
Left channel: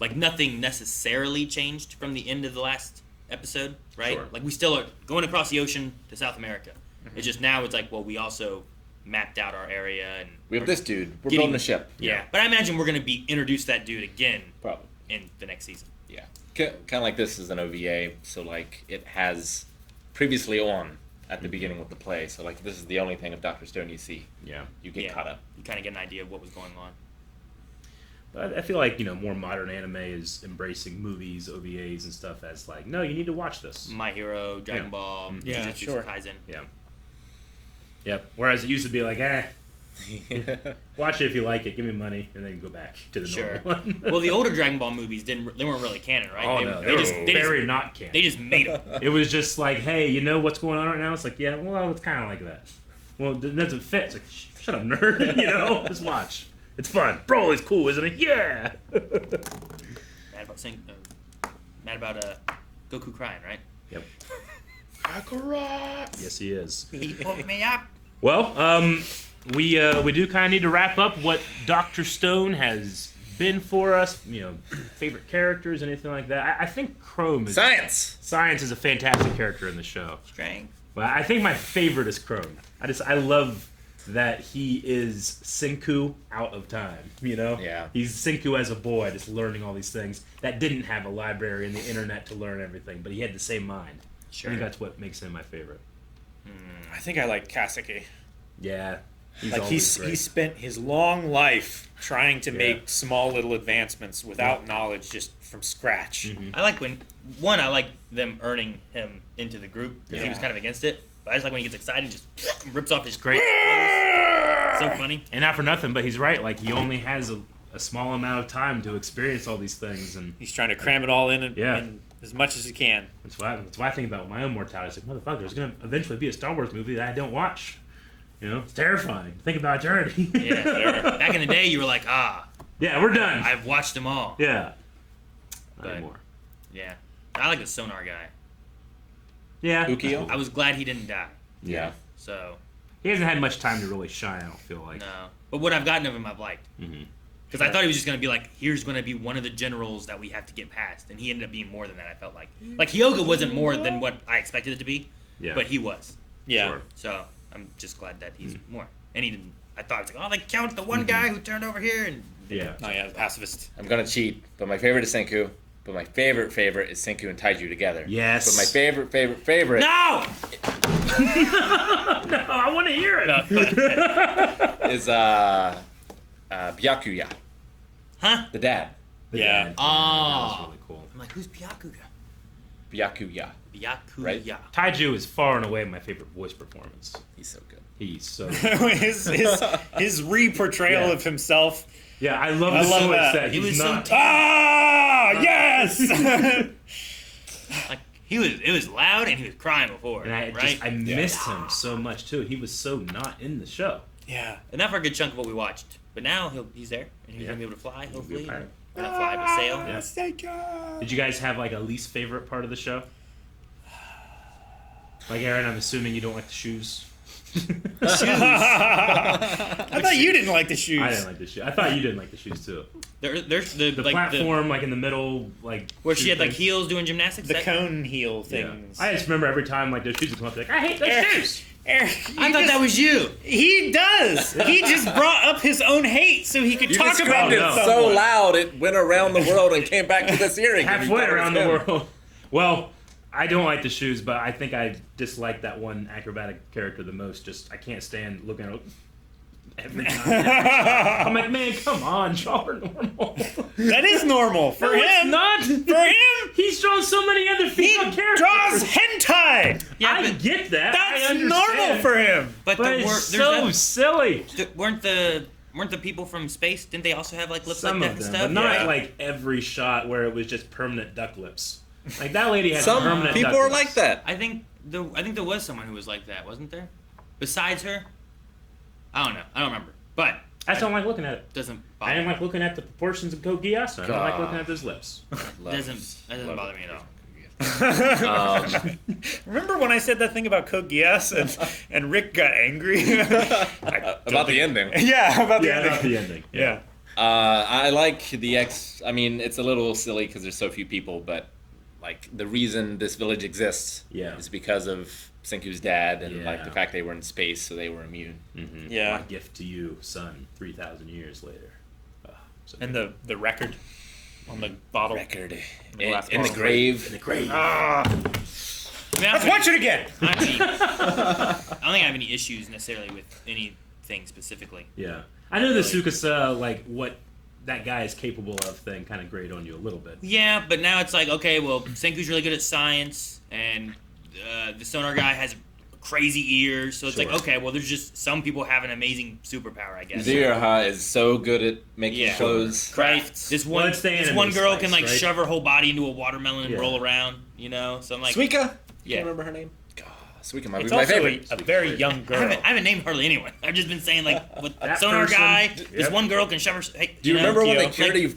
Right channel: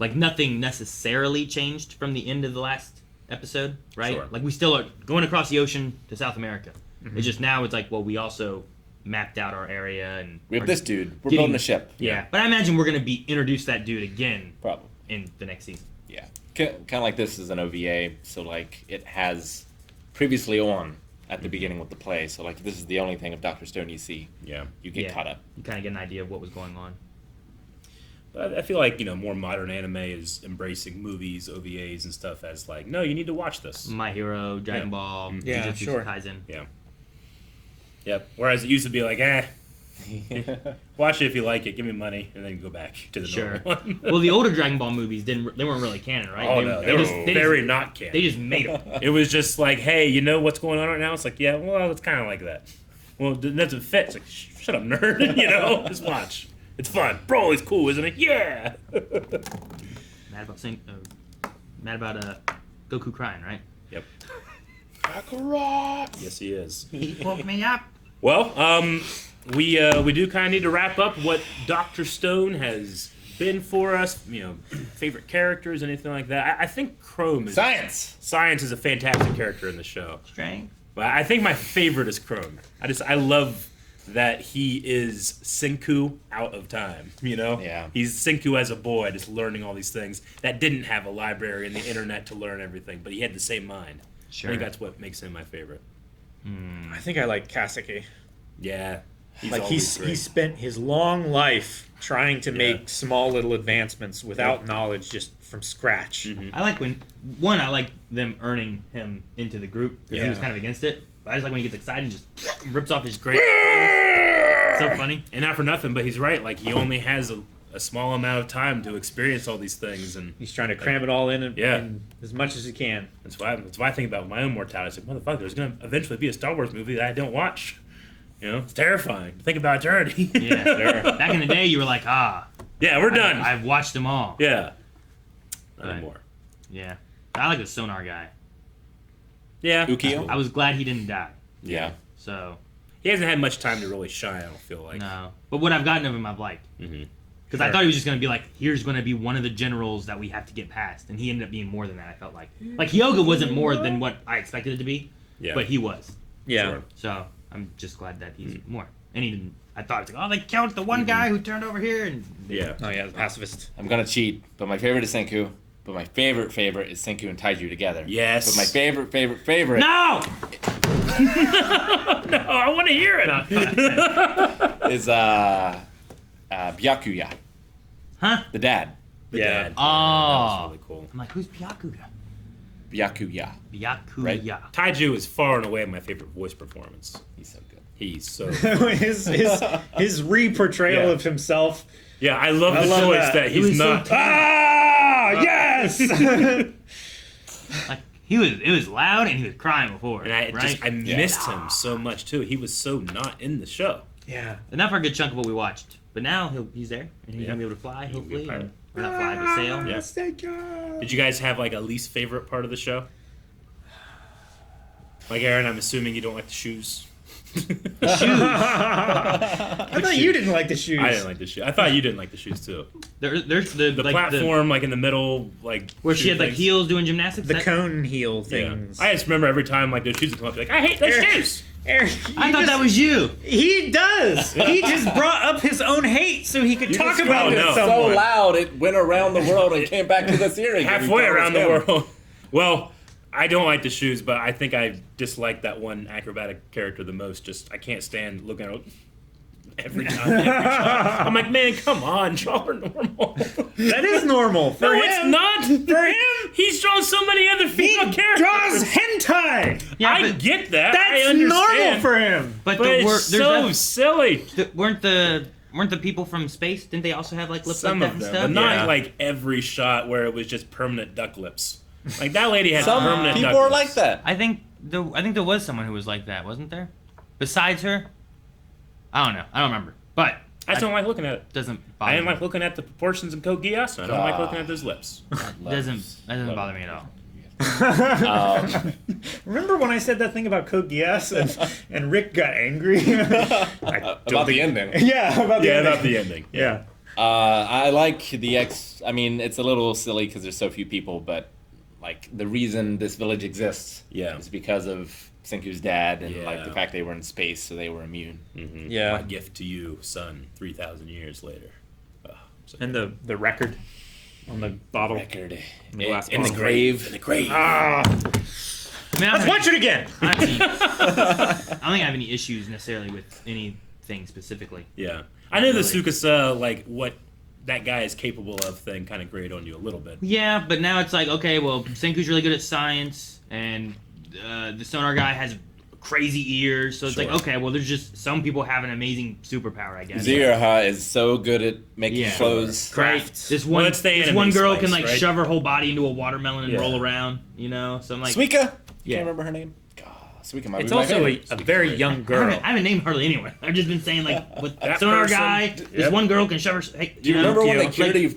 like nothing necessarily changed from the end of the last episode, right? Sure. Like we still are going across the ocean to South America. It's just now it's like, well, we also mapped out our area and We have are this dude. We're getting- building a ship. Yeah, but I imagine we're gonna be introduced to that dude again Probably. in the next season. Yeah. Kind of like this is an OVA, so like it has previously on at the beginning of the play. So like this is the only thing of Dr. Stone you see. Yeah. You get Yeah. caught up. You kind of get an idea of what was going on. But I feel like, more modern anime is embracing movies, OVAs, and stuff as like, no, you need to watch this. My Hero, Dragon Yeah. Ball, Yeah, Jujutsu sure. Kaisen. Yep. Whereas it used to be like, watch it if you like it, give me money, and then go back to the Sure. normal one. Well, the older Dragon Ball movies they weren't really canon, right? Oh, they, no, they just very not canon. they just made them. It was just like, hey, you know what's going on right now? It's like, yeah, well, it's kind of like that. Well, it doesn't fit. It's like, shut up, nerd. Just watch. It's fun. Broly's cool, isn't it? Yeah. Mad about Goku crying, right? Yep. Yes, he is. He woke me up. Well, we do kind of need to wrap up what Dr. Stone has been for us. Favorite characters, anything like that. I think Chrome is Science! is a fantastic character in the show. Strength. But I think my favorite is Chrome. I love that he is Senku out of time. Yeah. He's Senku as a boy, just learning all these things that didn't have a library and the internet to learn everything, but he had the same mind. Sure. I think that's what makes him my favorite. I think I like Kaseki. Yeah. He's Like always he great. spent his long life trying to make small little advancements without knowledge, just from scratch. Mm-hmm. I like I like them earning him into the group because he was Yeah. kind of against it. But I just like when he gets excited and just rips off his great. So funny. And not for nothing, but he's right. Like, he only has a small amount of time to experience all these things, and He's trying to cram it all in, Yeah. in as much as he can. that's why I think about my own mortality. It's like, motherfucker, there's gonna eventually be a Star Wars movie that I don't watch. It's terrifying. Think about eternity. Yeah. Back in the day, you were like, Yeah, we're done. I've watched them all. Yeah. Not Right. anymore. Yeah. I like the sonar guy. Yeah. Ukio? I was glad he didn't die. Yeah. So He hasn't had much time to really shine, I don't feel like. no, but what I've gotten of him, I've liked. Mhm. Because I thought he was just gonna be like, here's gonna be one of the generals that we have to get past, and he ended up being more than that. I felt like Hyoga wasn't more than what I expected it to be, Yeah. but he was. Yeah. Sure. So I'm just glad that he's more. And he didn't. I thought it was like, oh, they count the one guy who turned over here, and Yeah. Oh yeah, the pacifist. I'm gonna cheat, but my favorite is Senku. But my favorite is Senku and Taiju together. Yes. But my favorite. No! No, I want to hear it. is Byakuya, Huh? the dad. Yeah. Oh. That's really cool. I'm like, who's Byakuya? Byakuya. Byakuya. Right. Taiju is far and away my favorite voice performance. He's so good. He's so. his re-portrayal Yeah. of himself. Yeah, I love the love choice that. that It he's was so not. Ah, yes. Like it was loud and he was crying before. And I right? missed him so much too. He was so not in the show. Yeah. And not for a good chunk of what we watched. But now he's there and he's gonna be able to fly, He'll be hopefully. a pirate. Or not fly, but sail. Yeah. Did you guys have like a least favorite part of the show? Like Aaron, I'm assuming you don't like the shoes. I thought you didn't like the shoes. I didn't like the shoes. I thought you didn't like the shoes too. There's the The like platform, like in the middle, like where she shoe had like things. heels doing gymnastics. The That- cone heel Yeah. things. I just remember every time like those shoes would come up, like I hate those Eric- shoes. Eric, I thought that was you. He does. He just brought up his own hate so he could You talk about described it. no. at so some point. loud it went around the world and came back to this hearing. Halfway around the world. Well, I don't like the shoes, but I think I dislike that one acrobatic character the most. Just I can't stand looking at it every time. I'm like, man, come on, y'all are normal. That is normal for No, him. it's not. For him, He's drawn so many other he female characters. draws hentai. Yeah, I but, get that. I That's understand. normal for him. but But the it's wor- so there's silly. weren't the people from space? Didn't they also have like lips Some like that of and them, stuff? but not Yeah. like every shot where it was just permanent duck lips. Like that lady had Some permanent people duck are lips. like that. I think there was someone who was like that, wasn't there? Besides her, I don't know. I don't remember. But I just don't like looking at it. doesn't I bother didn't me. like looking at the proportions of Code Geass. I don't like looking at those lips. Doesn't bother me at all. Remember when I said that thing about Code Geass and Rick got angry? About the ending. Yeah, about the Yeah, ending. about the ending. Yeah. I like the I mean, it's a little silly because there's so few people, but like the reason this village exists Yeah. is because of Senku's dad and like the Yeah. fact they were in space, so they were immune. Mm-hmm. Yeah. My gift to you, son, 3,000 years later. So And the record on the bottle. Record The last in the bottle. grave. in the grave. Ah, I mean, I let's don't watch it again. I don't think I have any issues necessarily with anything specifically. Yeah. I know the Really. Tsukasa, like, what that guy is capable of thing kind of grate on you a little bit. Yeah, but now it's like, okay, well, Senku's really good at science, and the sonar guy has crazy ears, so it's like, Sure. okay, well, there's just some people have an amazing superpower, I guess. Ziraha is so good at making Yeah. clothes. Right. This one, Well, it's the this anime one girl spice, can like right? shove her whole body into a watermelon and Yeah. roll around, you know. So I'm like, Suika? Yeah. Can't remember her name. God, Suika might It's be my also favorite. a very young I girl. haven't named hardly anyone. I've just been saying like, with That sonar person. guy, this Yep. one girl can shove her. Hey, Do you know, remember when they Tokyo.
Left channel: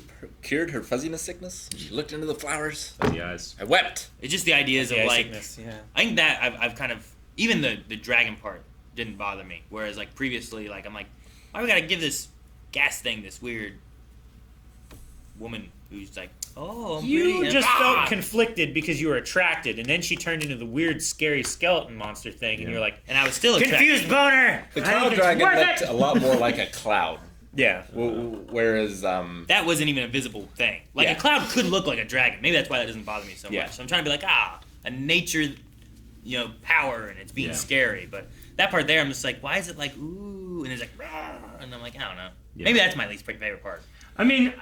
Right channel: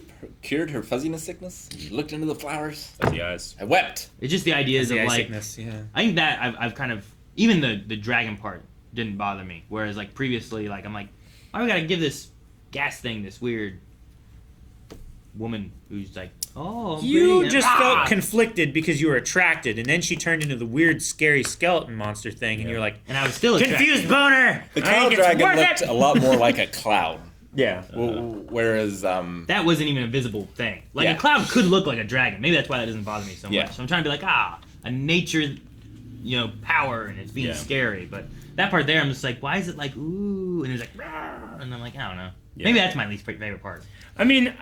cured her fuzziness sickness? She looked into the flowers. The eyes. I wept. It's just the ideas of The eye like, sickness, yeah. I think that I've kind of even the dragon part didn't bother me. Whereas like previously, like I'm like, why we gotta give this gas thing this weird woman who's like, oh, I'm You pretty, and- just ah! felt conflicted because you were attracted, and then she turned into the weird, scary skeleton monster thing, and you're like, and I was still attracted. confused boner. The I cloud think it's dragon worth looked it. a lot more like a cloud. Yeah. Whereas, That wasn't even a visible thing. Like Yeah. a cloud could look like a dragon. Maybe that's why that doesn't bother me so Yeah. much. So I'm trying to be like, a nature, power, and it's being Yeah. scary. But that part there, I'm just like, why is it like ooh, and it's like, "Rawr," and I'm like, I don't know. Yeah. Maybe that's my least favorite part. I mean,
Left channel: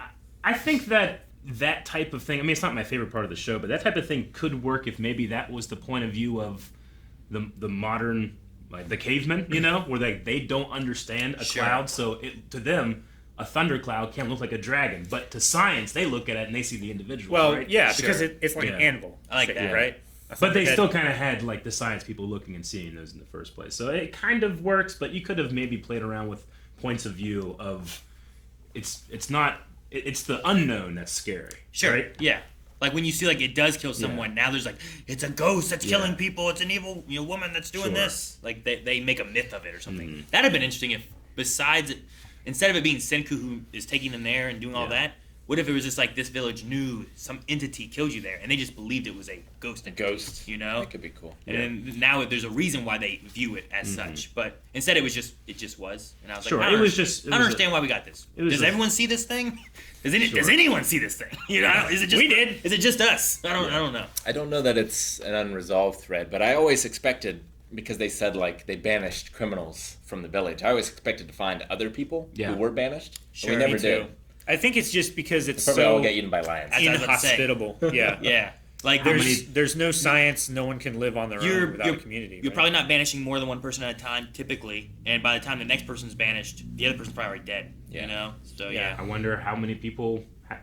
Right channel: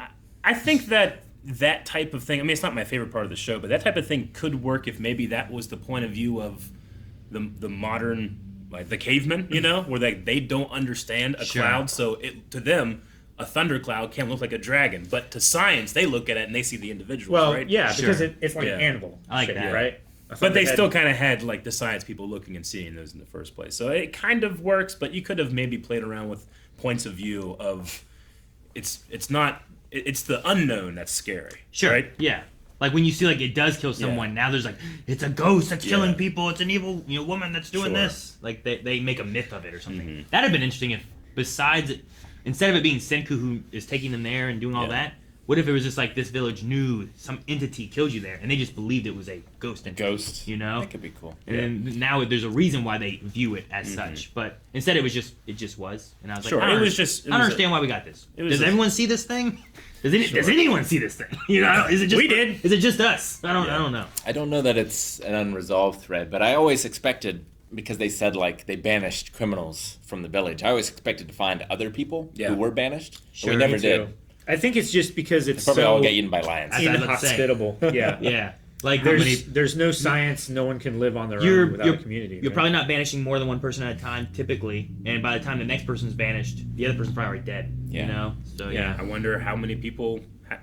I think that type of thing, I mean, it's not my favorite part of the show, but that type of thing could work if maybe that was the point of view of the modern, like the cavemen, where they don't understand a Sure. cloud, so to them, a thundercloud can look like a dragon, but to science, they look at it and they see the individual, Well, right? yeah, Sure. because it's like Yeah. an animal. I like shape, that. right? But they still kind of had like the science people looking and seeing those in the first place. So it kind of works, but you could have maybe played around with points of view of it's the unknown that's scary. Sure. Right? Yeah. Like when you see like it does kill someone, now there's like it's a ghost that's Yeah. killing people. It's an evil woman that's doing Sure. this. Like they make a myth of it or something. Mhm. That'd have been interesting if besides instead of it being Senku who is taking them there and doing all Yeah. that, what if it was just like this village knew some entity killed you there, and they just believed it was a ghost entity, Ghost. you know? That could be cool. And then now there's a reason why they view it as such, but instead it just was, and I was like, I don't understand why we got this. Does everyone see this thing? Does anyone see this thing? You know, is it just We did. Is it just us? I don't know. I don't know that it's an unresolved thread, but I always expected, because they said like they banished criminals from the village, I always expected to find other people who were banished. But we never did. I think it's just because it's Probably so all get eaten by lions. inhospitable. Yeah. Yeah. Like There's no science. No one can live on their own without a community. You're right? probably not banishing more than one person at a time, typically. And by the time the next person's banished, the other person's probably already dead. Yeah. You know? So, Yeah. I wonder how many people,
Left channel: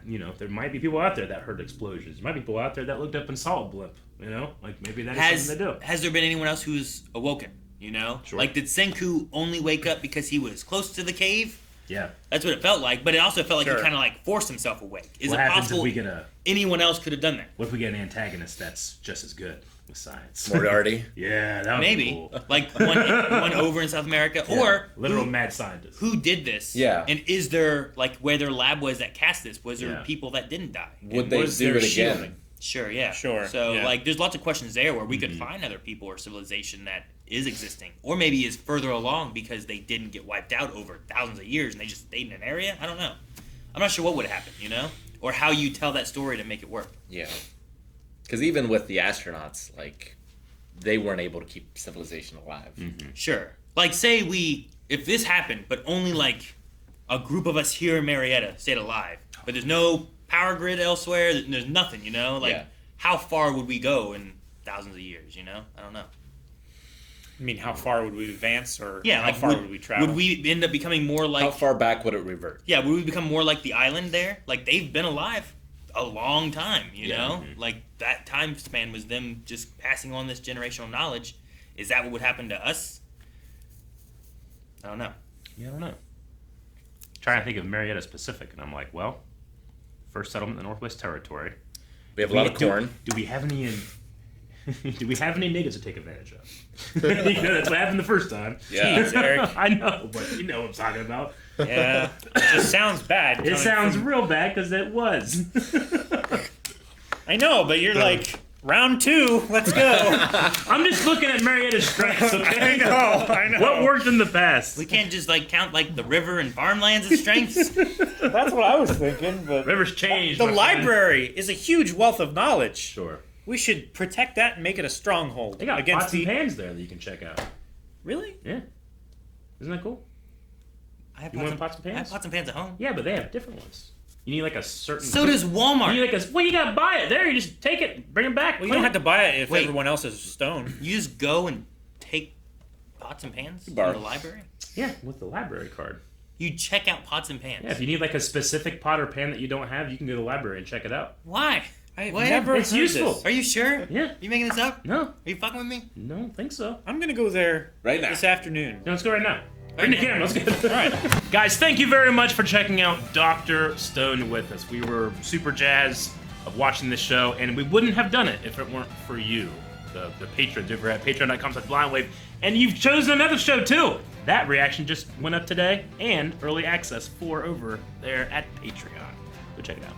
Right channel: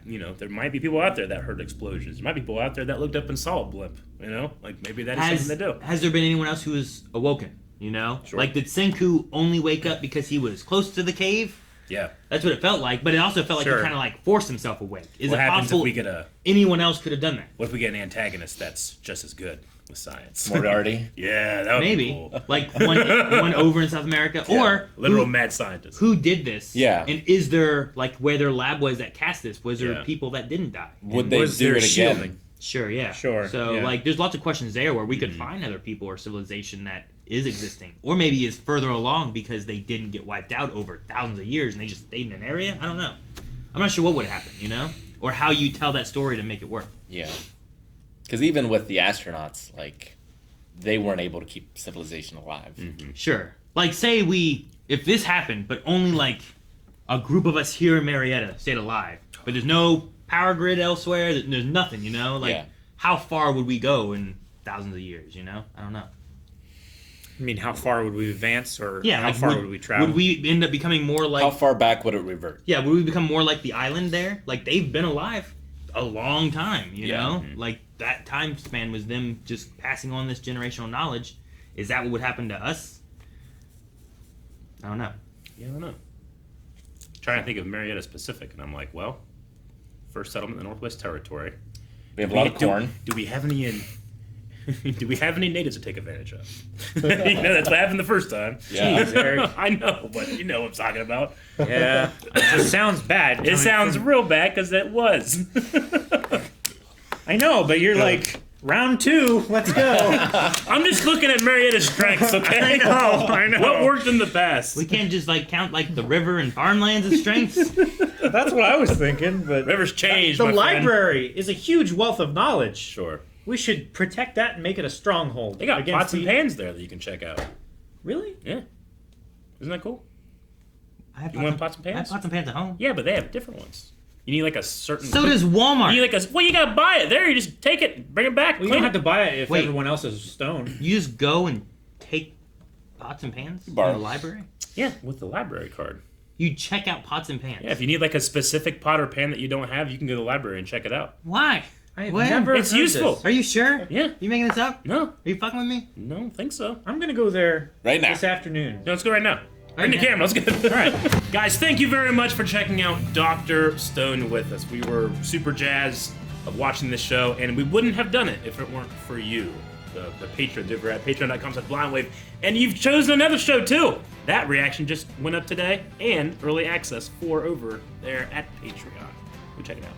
there might be people out there that heard explosions. There might be people out there that looked up and saw a blip. You know, like maybe that's something to do. Has there been anyone else who was awoken? You know? Sure. Like, did Senku only wake up because he was close to the cave? Yeah. That's what it felt like, but it also felt like Sure. he kind of like forced himself awake. Is What it happens possible if we get anyone else could have done that? What if we get an antagonist that's just as good with science? Moriarty. Yeah, that would Maybe. be cool. Like one over in South America. Yeah, Or literal mad scientist. who did this? Yeah. And is there, like, where their lab was that cast this, was there Yeah. people that didn't die? Would they was do there it again? shielding? Sure, yeah. Sure, So, yeah. like, there's lots of questions there where we could find other people or civilization that is existing. Or maybe is further along because they didn't get wiped out over thousands of years and they just stayed in an area. I don't know. I'm not sure what would happen, you know? Or how you tell that story to make it work. Yeah. Because even with the astronauts, like, they weren't able to keep civilization alive. Sure. Like, say if this happened, but only, like, a group of us here in Marietta stayed alive, but there's no power grid elsewhere, there's nothing, you know? Like, Yeah. how far would we go in thousands of years, you know? I don't know. I mean, how far would we advance, or Yeah, how like, far would we travel? Would we end up becoming more like... How far back would it revert? Yeah, would we become more like the island there? Like, they've been alive a long time, you know? Like, that time span was them just passing on this generational knowledge. Is that what would happen to us? I don't know. Yeah, I don't know. Trying to think of Marietta specific, and I'm like, well, first settlement in the Northwest Territory. We have a lot of corn. Do we have any do we have any natives to take advantage of? That's what happened the first time. Yeah. Jeez, Eric. I know, but you know what I'm talking about. Yeah, it just sounds bad. It sounds real bad because it was. I know, but you're like, round 2, let's go. I'm just looking at Marietta's strengths, okay? I know. What worked in the past? We can't just, like, count, like, the river and farmlands as strengths. That's what I was thinking, but Rivers changed. the my friend. library is a huge wealth of knowledge. Sure. We should protect that and make it a stronghold. They got against pots and pans there that you can check out. Really? Yeah. Isn't that cool? I have You want pots and I have pans? pots and pans at home. Yeah, but they have different ones. You need like a certain. So does Walmart. You need like well, you gotta buy it there. You just take it, bring it back. Well, you don't have to buy it if Wait. everyone else is stone. You just go and take pots and pans from borrow. the library? Yeah, with the library card. You check out pots and pans. Yeah, if you need like a specific pot or pan that you don't have, you can go to the library and check it out. Why? I have When? never It's heard useful. this. Are you sure? Yeah. You making this up? No, Are you fucking with me? no, I don't think so. I'm gonna go there Right now. this afternoon. No, let's go right now. Right in the Okay. camera. Let's go. All right, guys. Thank you very much for checking out Dr. Stone with us. We were super jazzed of watching this show, and we wouldn't have done it if it weren't for you, the patrons over at patreon.com/blindwave. And you've chosen another show too. That reaction just went up today, and early access for over there at Patreon. Go check it out.